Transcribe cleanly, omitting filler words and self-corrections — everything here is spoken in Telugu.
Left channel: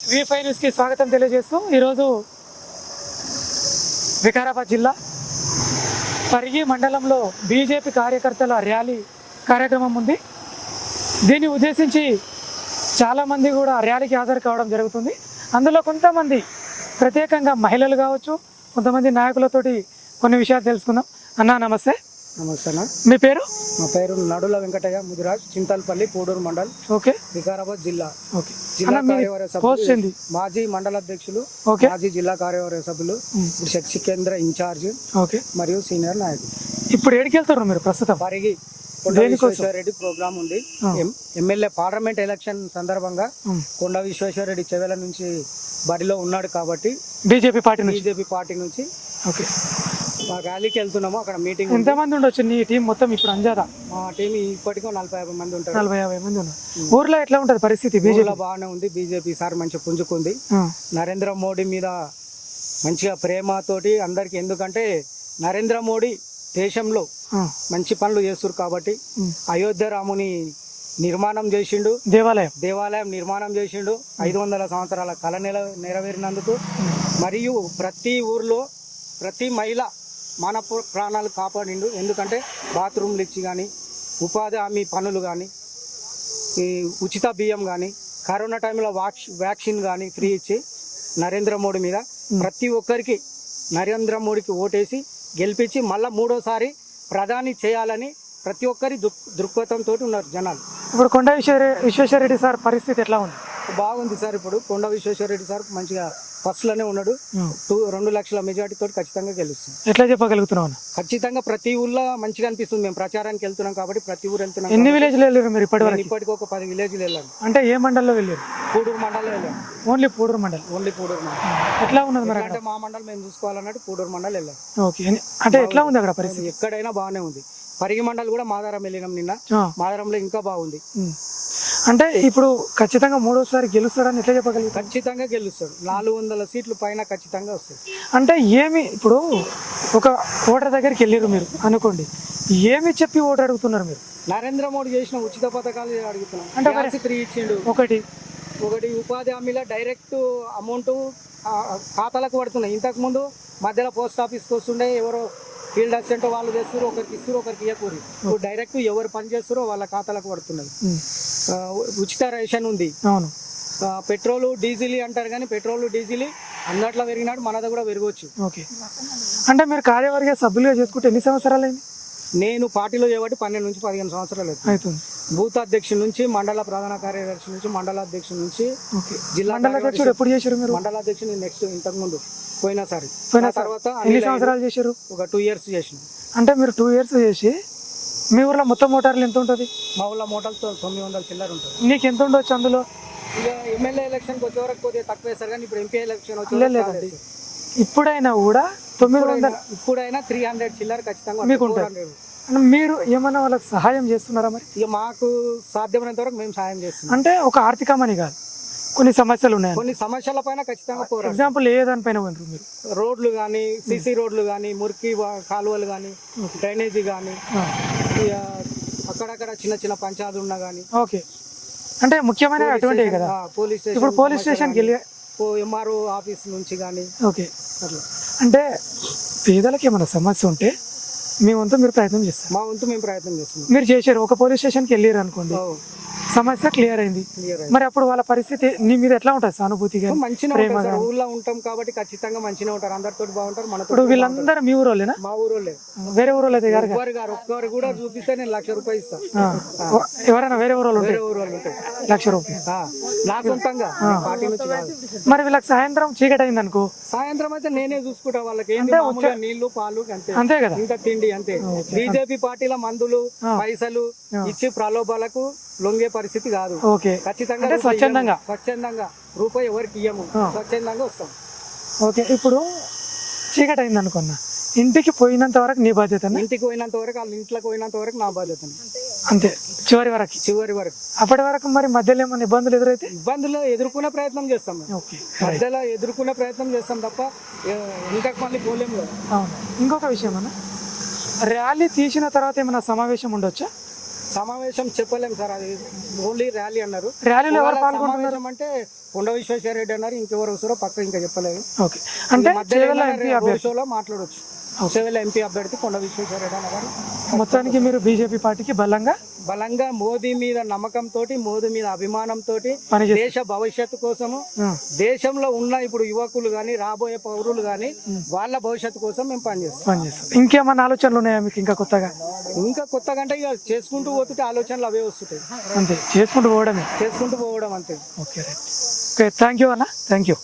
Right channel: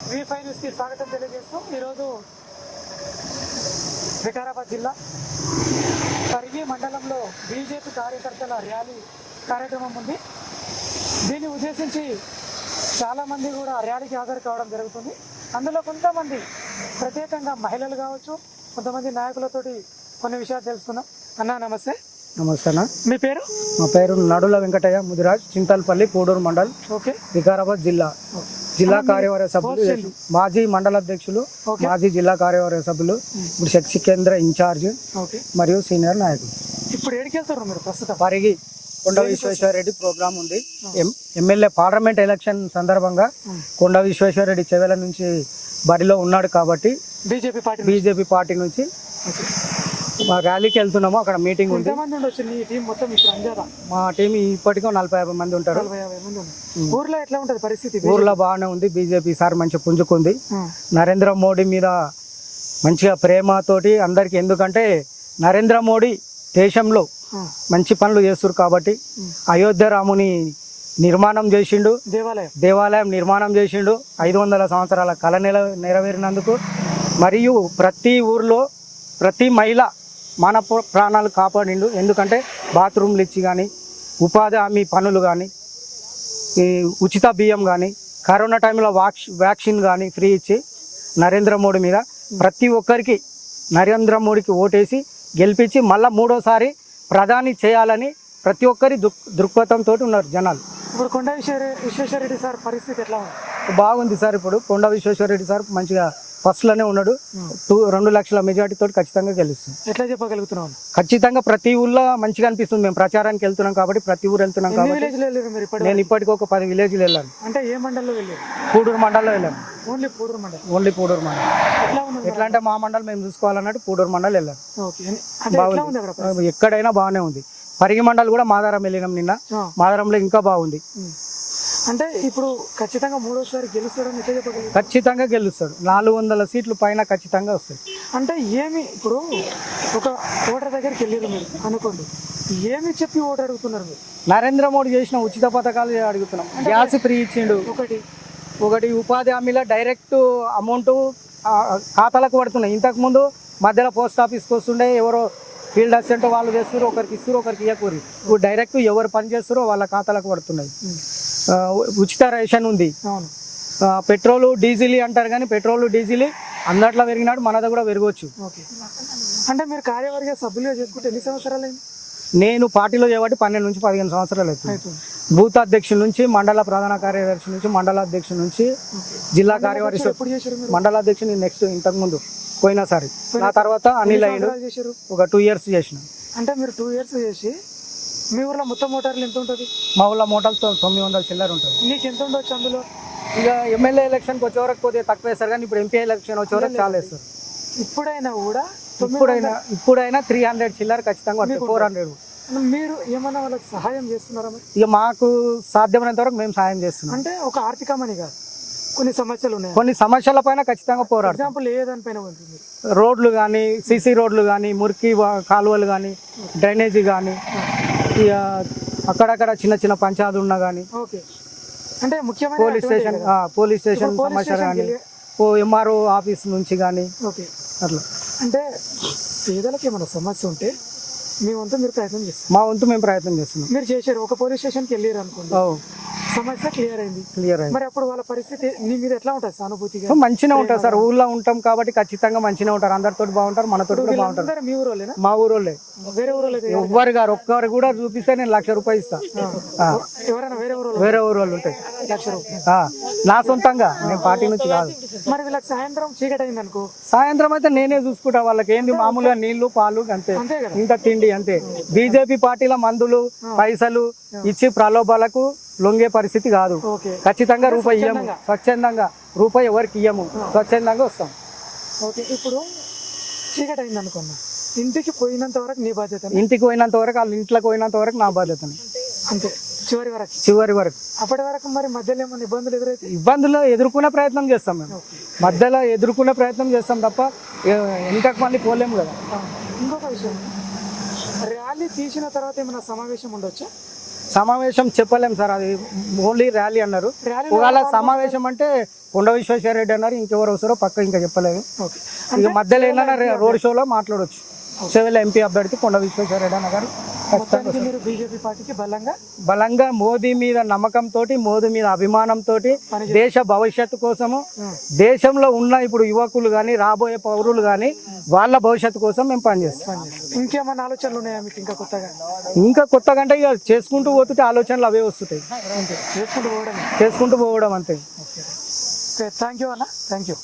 V5 న్యూస్కి స్వాగతం తెలియజేస్తూ ఈరోజు వికారాబాద్ జిల్లా పరిగి మండలంలో బీజేపీ కార్యకర్తల ర్యాలీ కార్యక్రమం ఉంది. దీన్ని ఉద్దేశించి చాలామంది కూడా ర్యాలీకి హాజరు కావడం జరుగుతుంది. అందులో కొంతమంది ప్రత్యేకంగా మహిళలు కావచ్చు, కొంతమంది నాయకులతోటి కొన్ని విషయాలు తెలుసుకుందాం. అన్నా నమస్తే. నమస్తే అన్న. మీ పేరు? మా పేరు నడుల వెంకటయ్య ముదిరాజ్, చింతలపల్లి, పూడూరు మండల్, ఓకే, వికారాబాద్ జిల్లా. ఓకే. జిల్లా అన్న, మీ కార్యవర్గ పోస్ట్ సభ్యులు, ఏంటి? మాజీ మండల అధ్యక్షులు, ఓకే, మాజీ జిల్లా కార్యవర్గ సభ్యులు, ఇప్పుడు శక్తి కేంద్ర ఇన్ఛార్జ్ ఓకే. మరియు సీనియర్ నాయకులు. ఇప్పుడు ఏడికి వెళ్తారు మీరు ప్రస్తుతం? పరిగి కొండ విశ్వేశ్వరరెడ్డి ప్రోగ్రామ్ ఉంది. ఎమ్మెల్యే పార్లమెంట్ ఎలక్షన్ సందర్భంగా కొండ విశ్వేశ్వరరెడ్డి చెవెల నుంచి బరిలో ఉన్నాడు కాబట్టి బీజేపీ పార్టీ నుంచి ఓకే, మా ర్యాలీకి వెళ్తున్నాము. అక్కడ మీటింగ్ ఉంది. ఎంతమంది ఉండొచ్చు నీ టీం మొత్తం ఇప్పుడు అంజారా? మా టీం ఇప్పటికో 40-50 మంది ఉంటారు. 40-50 మంది ఉన్నారు. ఊర్లో ఎట్లా ఉంటుంది పరిస్థితి? ఊర్లో బాగానే ఉంది. బీజేపీ సార్ మంచిగా పుంజుకుంది. నరేంద్ర మోడీ మీద మంచిగా ప్రేమతోటి అందరికి, ఎందుకంటే నరేంద్ర మోడీ దేశంలో మంచి పనులు చేస్తారు కాబట్టి అయోధ్య రాముని నిర్మాణం చేసిండు, దేవాలయం నిర్మాణం చేసిండు. 500 సంవత్సరాల కళ నెరవేరినందుకు, మరియు ప్రతి ఊర్లో ప్రతి మహిళ మానవ ప్రాణాలు కాపాడిండు. ఎందుకంటే బాత్రూమ్లు ఇచ్చి కానీ, ఉపాధి హామీ పనులు కానీ, ఉచిత బియ్యం కానీ, కరోనా టైంలో వ్యాక్సిన్ కానీ ఫ్రీ ఇచ్చి నరేంద్ర మోడీ మీద ప్రతి ఒక్కరికి నరేంద్ర మోడీకి ఓటేసి గెలిపించి మళ్ళీ మూడోసారి ప్రధాని చేయాలని ప్రతి ఒక్కరి దృక్పథంతో ఉన్నారు జనాలు. ఇప్పుడు కొండ విశ్వేశ్వరరెడ్డి సార్ పరిస్థితి ఎట్లా ఉంది? బాగుంది సార్. ఇప్పుడు కొండ విశ్వేశ్వరరెడ్డి సార్ మంచిగా ఫస్ట్లోనే ఉన్నాడు. 2 లక్షల మెజార్టీతో ఖచ్చితంగా గెలుస్తుంది. ఎట్లా చెప్పగలుగుతున్నాం? ఖచ్చితంగా ప్రతి ఊళ్ళో మంచిగా అనిపిస్తుంది. మేము ప్రచారానికి వెళ్తున్నాం కాబట్టి ప్రతి ఊరు వెళ్తున్నాం. ఎన్ని విలేజ్లు వెళ్ళారు మీరు నేను ఇప్పటికి ఒక 10 విలేజ్లు వెళ్ళాను. అంటే ఏ మండలంలో వెళ్ళారు? పూడూరు మండలంలో వెళ్ళాను. ఓన్లీ పూడూరు మండలం? ఓన్లీ పూడూరు మండలం. ఎట్లా ఉన్నది? అంటే మా మండలం మేము చూసుకోవాలన్నట్టు పూడూరు మండలం వెళ్ళాను. ఓకే, అంటే ఎట్లా ఉంది అక్కడ పరిస్థితి? ఎక్కడైనా బాగానే ఉంది. పరిగి మండలం కూడా మాదారం వెళ్ళినాం నిన్న. మాదారంలో ఇంకా బాగుంది. అంటే ఇప్పుడు ఖచ్చితంగా మూడోసారి గెలుస్తాడని ఎట్లా చెప్పగలుగుతారు? ఖచ్చితంగా గెలుస్తాడు. 400 సీట్లు పైన ఖచ్చితంగా వస్తాయి. అంటే ఏమి ఇప్పుడు ఒక ఓటర్ దగ్గరికి వెళ్ళారు మీరు అనుకోండి, ఏమి చెప్పి ఓటర్ అడుగుతున్నారు మీరు? నరేంద్ర మోడీ చేసిన ఉచిత పథకాలు అడుగుతున్నాం. గ్యాస్ ఫ్రీ ఇచ్చిండు. ఒకటి ఉపాధి హామీలో డైరెక్ట్ అమౌంట్ ఖాతాలకు పడుతున్నాయి. ఇంతకుముందు మధ్యలో పోస్ట్ ఆఫీస్కి వస్తుండే, ఎవరో ఫీల్డ్ అసిస్టెంట్ వాళ్ళు చేస్తారు, ఒకరికి ఇస్తారు, ఒకరికి ఇవ్వకూరి. ఇప్పుడు డైరెక్ట్ ఎవరు పని చేస్తారో వాళ్ళ ఖాతాలకు పడుతున్నాయి. ఉచిత రేషన్ ఉంది. అవును. పెట్రోల్ డీజిల్ అంటారు కానీ పెట్రోల్ డీజిల్ అందట్లో పెరిగినాడు, మనది కూడా పెరగవచ్చు. ఓకే, అంటే మీరు కార్యవర్గ సభ్యులుగా చేసుకుంటే ఎన్ని సంవత్సరాలు అయింది? నేను పార్టీలో చేయబట్టి 12 నుంచి 15 సంవత్సరాలు అవుతుంది. బూత్ అధ్యక్షుల నుంచి, మండల ప్రధాన కార్యదర్శి నుంచి, మండల అధ్యక్షుల నుంచి, జిల్లా కార్యవర్గ ఎప్పుడు చేశారు? మండల అధ్యక్షుడు నెక్స్ట్ ఇంతకు ముందు పోయినసారి. ఆ తర్వాత అన్ని సంవత్సరాలు చేశారు? ఒక 2 ఇయర్స్ చేసిన. అంటే మీరు 2 ఇయర్స్ చేసి మీ ఊర్లో మొత్తం మోటార్లు ఎంత ఉంటుంది? మా ఊళ్ళో మోటార్లతో 900 చిల్లర ఉంటుంది. నీకు ఎంత ఉండొచ్చు అందులో? ఇక ఎమ్మెల్యే ఎలక్షన్కి వచ్చేవరకు కొద్దిగా తక్కువ వేస్తారు కానీ ఇప్పుడు ఎంపీ ఎలక్షన్ వచ్చేవరకు చాలా వేస్తారు. ఇప్పుడైనా కూడా ఇప్పుడైనా 300 చిల్లర ఖచ్చితంగా 400. మీరు ఏమన్నా వాళ్ళకి సహాయం చేస్తున్నారా మరి? ఇక మాకు సాధ్యమైనంత వరకు మేము సహాయం చేస్తున్నాం. అంటే ఒక ఆర్థికమని కాదు, కొన్ని సమస్యలు ఉన్నాయి. కొన్ని సమస్యల పైన ఖచ్చితంగా పోరాడు. ఎగ్జాంపుల్ ఏ దానిపైన ఉంటారు మీరు? రోడ్లు కానీ, సిసి రోడ్లు కానీ, మురికి కాలువలు కానీ, డ్రైనేజీ కానీ, ఇక అక్కడక్కడ చిన్న చిన్న పంచాయతీలు ఉన్నా కానీ. ఓకే, అంటే ముఖ్యమైన పోలీస్ స్టేషన్ ఎంఆర్ఓ ఆఫీస్ నుంచి కానీ. ఓకే, అట్లా. అంటే పేదలకు ఏమైనా సమస్య ఉంటే మీ వంతు మీరు ప్రయత్నం చేస్తారు? మా వంతు మేము ప్రయత్నం చేస్తున్నాం. మీరు చేశారు, ఒక పోలీస్ స్టేషన్కి వెళ్ళారు అనుకోండి, సమస్య క్లియర్ అయింది. మరి అప్పుడు వాళ్ళ పరిస్థితి నీ మీద ఎట్లా ఉంటుంది? సానుభూతిగా మంచిగా ఉంటారు సార్. ఊళ్ళో ఉంటాం కాబట్టి ఖచ్చితంగా మంచిగా ఉంటారు. అందరితో బాగుంటారు, మనతో. వీళ్ళందరూ మీ ఊరోళ్ళేనా? మా ఊరోళ్ళే. వేరే ఊరోళ్ళు అయితే ఒక్కరు కూడా చూపిస్తే నేను 1,00,000 రూపాయలు ఇస్తాను. ఎవరైనా వేరే ఊరోళ్ళు ఉంటాయి 1,00,000 రూపాయలు నా సొంతంగా, పార్టీ నుంచి కాదు. మరి వీళ్ళకి సాయంత్రం చీకటి అయింది అనుకో, సాయంత్రం అయితే నేనే చూసుకుంటా. వాళ్ళకి ఏంది మామూలుగా నీళ్లు పాలు అంతే కదా, ఇంత తిండి అంతే. బీజేపీ పార్టీల మందులు పైసలు ఇచ్చి ప్రలోభాలకు లొంగే పరిస్థితి కాదు. ఖచ్చితంగా స్వచ్ఛందంగా రూపాయి ఎవరికి ఇయ్యము, స్వచ్ఛందంగా వస్తాం. ఓకే, ఇప్పుడు చీకటి అయింది అనుకున్నా, ఇంటికి పోయినంత వరకు నీ బాధ్యత? ఇంటికి పోయినంత వరకు, వాళ్ళ ఇంట్లోకి పోయినంత వరకు నా బాధ్యత అంతే, చివరి వరకు. అప్పటి వరకు మరి మధ్యలో ఏమైనా ఇబ్బందులు ఎదురైతే? ఇబ్బందులు ఎదుర్కొనే ప్రయత్నం చేస్తాం మేము. మధ్యలో ఎదుర్కొనే ప్రయత్నం చేస్తాం తప్ప ఇంతకు మళ్ళీ పోలేము కదా. ఇంకొక విషయం అన్న, ర్యాలీ తీసిన తర్వాత ఏమైనా సమావేశం ఉండొచ్చా? సమావేశం చెప్పలేం సార్, అది ఓన్లీ ర్యాలీ అన్నారు. ర్యాలీలో వాళ్ళ సమావేశం అంటే కొండ విశ్వేశ్వర రెడ్డి అన్నారు, ఇంకెవరు వస్తారో పక్క ఇంకా చెప్పలేదు. ఓకే, ఇక అంటే మధ్యలో చేవెళ్ళ ఏమైనా ఎంపీ రోడ్ అభ్యర్థి. షోలో మాట్లాడవచ్చు. చేవెళ్ళ ఎంపీ అభ్యర్థి కొండ విశ్వేశ్వర రెడ్డి అన్న గారు మొత్తానికి మీరు బీజేపీ పార్టీకి బలంగా మోదీ మీద నమ్మకంతో, మోదీ మీద అభిమానంతో, దేశ భవిష్యత్తు కోసము, దేశంలో ఉన్న ఇప్పుడు యువకులు కానీ రాబోయే పౌరులు కానీ వాళ్ళ భవిష్యత్తు కోసం మేము పనిచేస్తాం. ఇంకేమన్నా ఆలోచనలు ఉన్నాయా మీకు ఇంకా కొత్తగా? ఇంకా కొత్తగా అంటే ఇక చేసుకుంటూ పోతుంటే ఆలోచనలు అవే వస్తుంటాయి, అంతే, చేసుకుంటూ పోవడమే. చేసుకుంటూ పోవడం అంతే. ఓకే, థ్యాంక్ యూ అన్న, థ్యాంక్ యూ.